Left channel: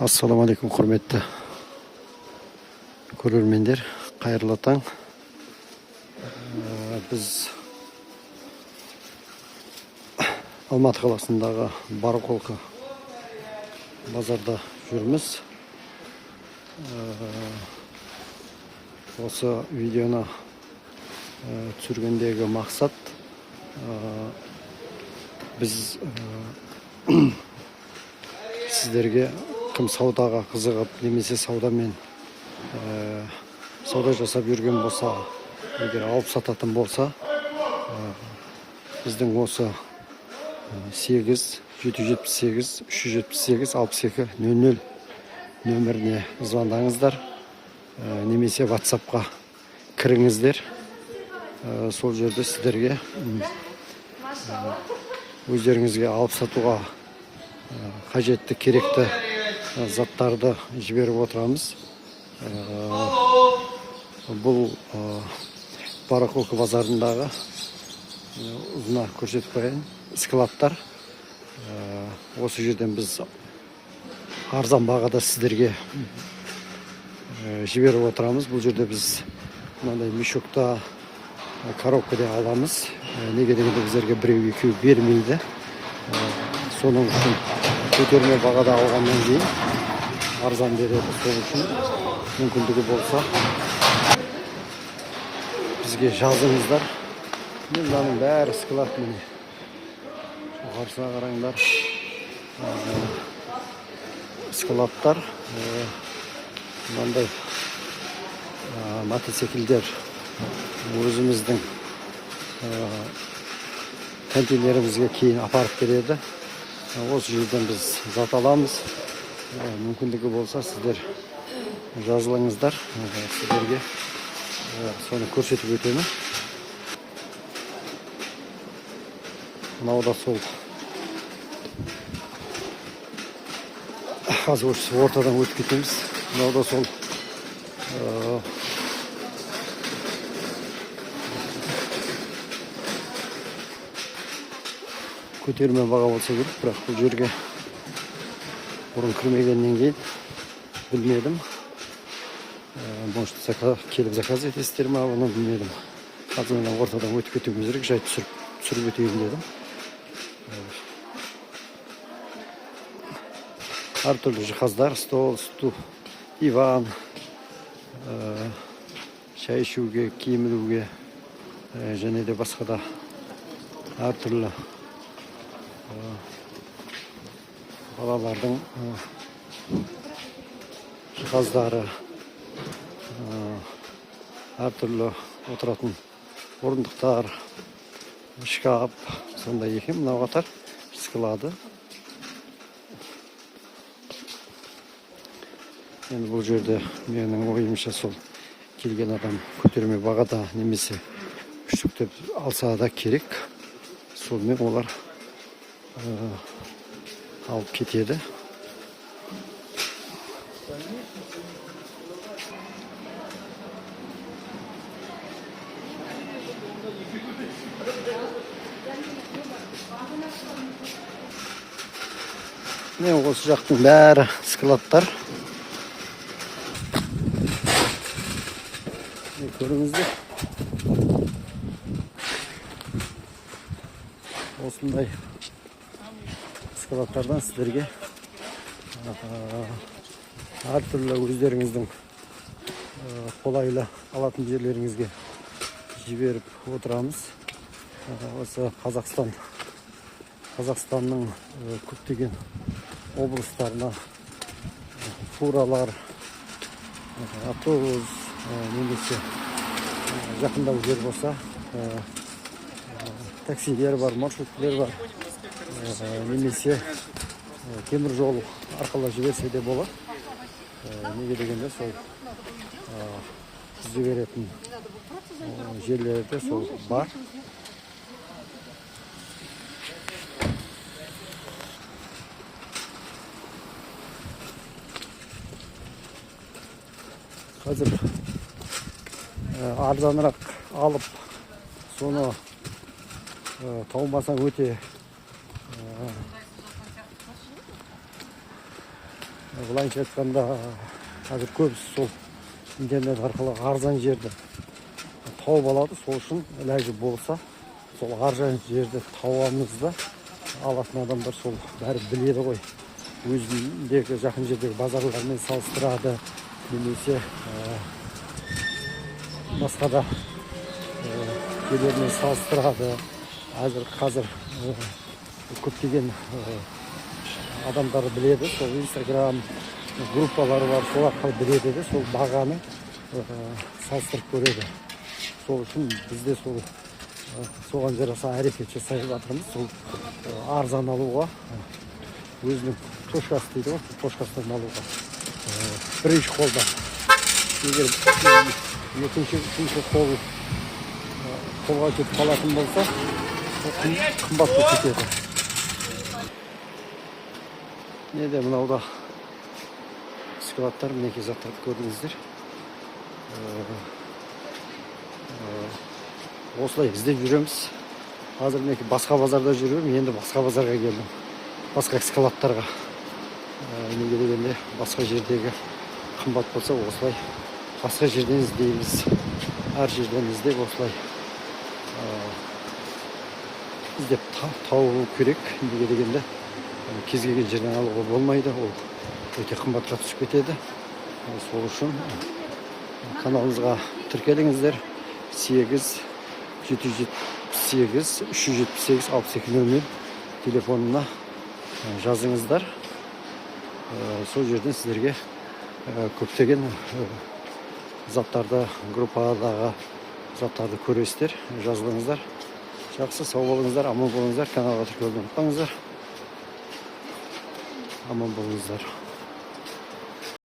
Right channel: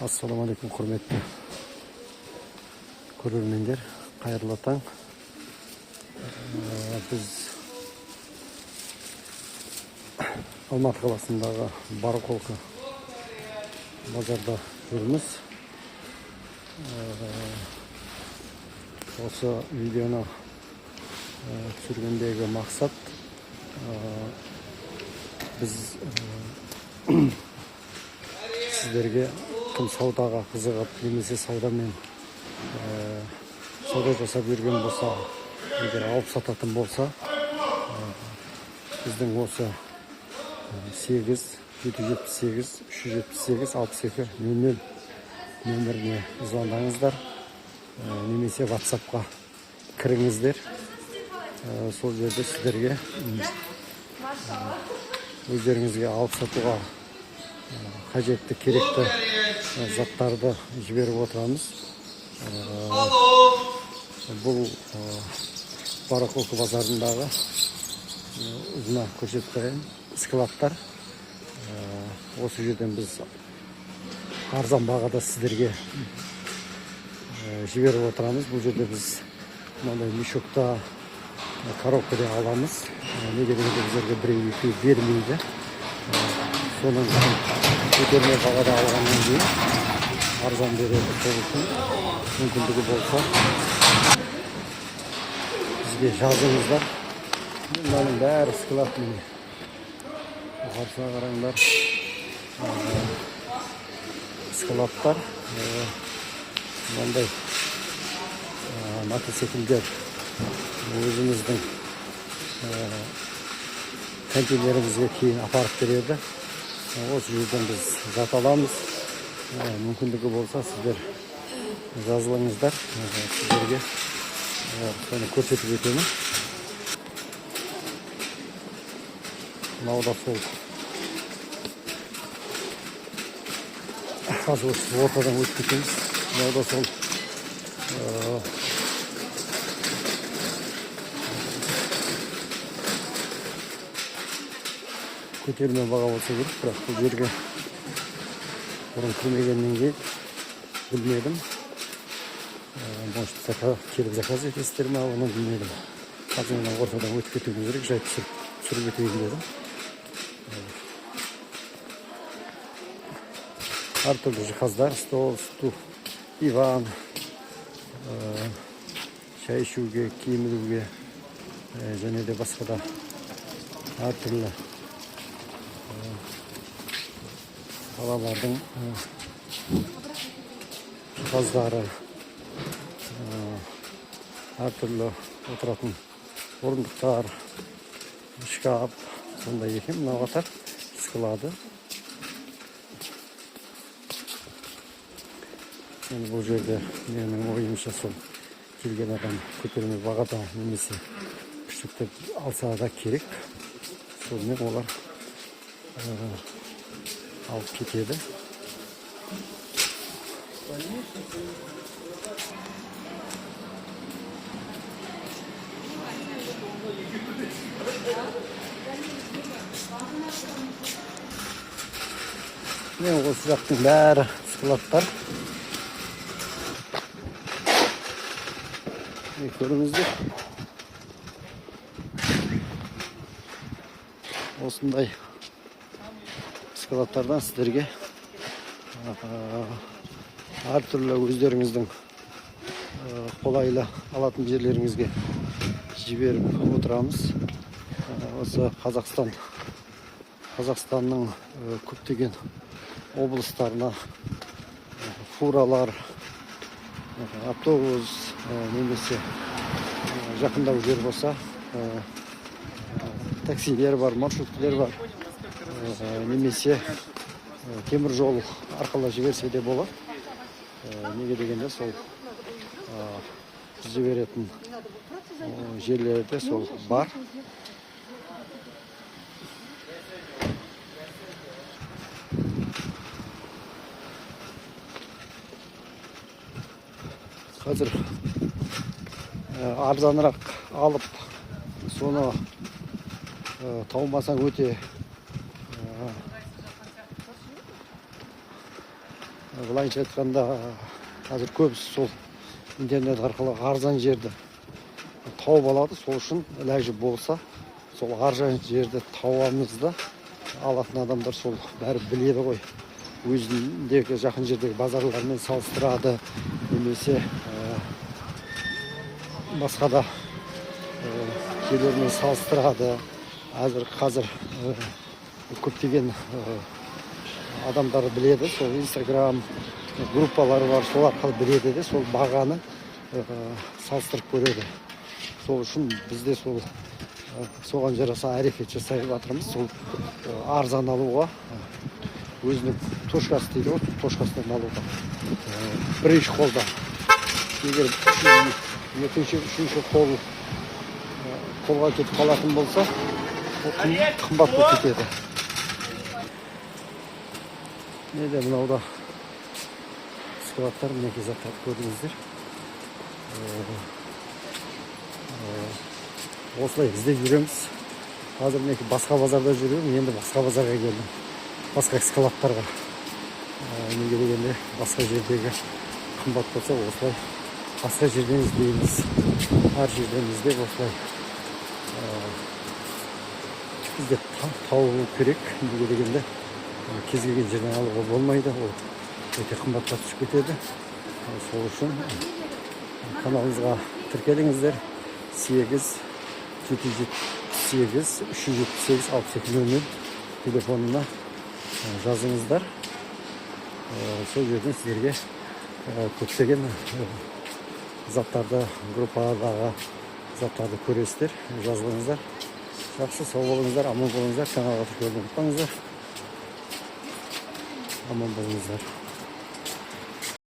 Assalamu alaikum құрметті көрермендер, қайырлы таң. Біз Алматы қаласындағы Барақолқа базарда жүрміз. Осы видеоны түсіргендегі мақсат біз сіздерге кім саудаға қызығып, немесе саудамен сауда жасап жүрген болса, егер алып сататын болса, біздің осы 8-778-378-6200 нөміріне звондаңыздар, немесе WhatsApp-қа кіріңіздер. Сол жерде сіздерге өздеріңізге алып сатуға қажетті керекті заттарды жіберіп отырамыз. Бұл Барақолқа базарындағы ұзына көрсетіп қояйын, складтар. Осы жерден біз арзан бағада сіздерге жіберіп отырамыз. Бұл жерде біз мынандай мешокта, коробкада аламыз. Неге дегенде біздерге біреу-екеу бермейді. Соның үшін көтерме бағада алғаннан кейін арзан береді. Сол үшін мүмкіндігі болса бізге жазыңыздар. Мынаның бәрі склад міне. Қарсыға қараңдар. Складтар, мынандай мотоциклдер өзіміздің контейнерімізге кейін апарып береді. Осы жерден біз зат аламыз. Мүмкіндігі болса сіздер жазылыңыздар. Сіздерге соны көрсетіп өтемін. Мынау да сол. Қазір ортадан өтіп кетеміз. Мынау да сол. Көтерме баға болса керек, бірақ бұл жерге бұрын кірмегеннен кейін білмедім. Может, келіп заказ етесіздер ме, оны білмедім. Қазір мен ортадан өтіп кетуім керек, жай түсіріп өтуім дедім. Әртүрлі жиһаздар, стол, диван, шай ішуге, киім ілуге, және де басқа да әртүрлі балалардың жиһаздары, әртүрлі отыратын орындықтар, шкаф, сондай екен. Мынау қатар склады. Бұл жерде менің ойымша сол келген адам көтерме бағада немесе үштіктеп алса да керек. Сонымен олар алып кетеді. Осы жақтың бәрі складтар. Көріңіздер. Осындай складтардан сіздерге әртүрлі өздеріңіздің қолайлы алатын жерлеріңізге жіберіп отырамыз. Осы Қазақстанның көптеген облыстарына фуралар, автобус, немесе жақындау жер болса, таксилер бар, маршруттар бар, немесе темір жол арқылы жіберсе де болады. Неге дегенде сол жіберетін жерлерде сол бар. Қазір арзанырақ алып, соны таумасаң өте былайынша айтқанда қазір көбісі сол интернет арқылы арзан жерді тауып алады. Сол үшін ләжі болса сол арзан жерді табамыз да алатын адамдар сол бәрі біледі ғой. Өзіндегі жақын жердегі базарлармен салыстырады, немесе басқа да жерлермен салыстырады. Қазір көптеген адамдар біледі, сол Инстаграм группалары бар, сол арқылы біледі де, сол бағаны салыстырып көреді. Сол үшін бізде соған жараса әрекет жасай жатырмыз. Сол арзан алуға, өзінің точкасы дейді ғой, точкасынан алуға. Бірінші қолда. Егер екінші, үшінші қолға кетіп қалатын болса, қымбат болып кетеді. Неде мынауда складтар, мінекей заттарды көрдіңіздер. Осылай іздеп жүреміз. Қазір мінекей басқа базарда жүрмін, енді басқа базарға келдім. Басқа складтарға. Неге дегенде басқа жердегі қымбат болса, осылай басқа жерден іздейміз. Әр жерден іздеп осылай іздеп тауып керек. Неге дегенде кез келген жерден алуға болмайды, ол өте қымбатқа түсіп кетеді. Сол үшін каналымызға тіркеліңіздер. 8-778-378-6200 телефонына жазыңыздар. Сол жерден сіздерге көптеген заттарды, группадағы заттарды көресіздер. Жазылыңыздар. Жақсы, сау болыңыздар, аман болыңыздар. Каналға тіркелуді ұмытпаңыздар. Аман болыңыздар.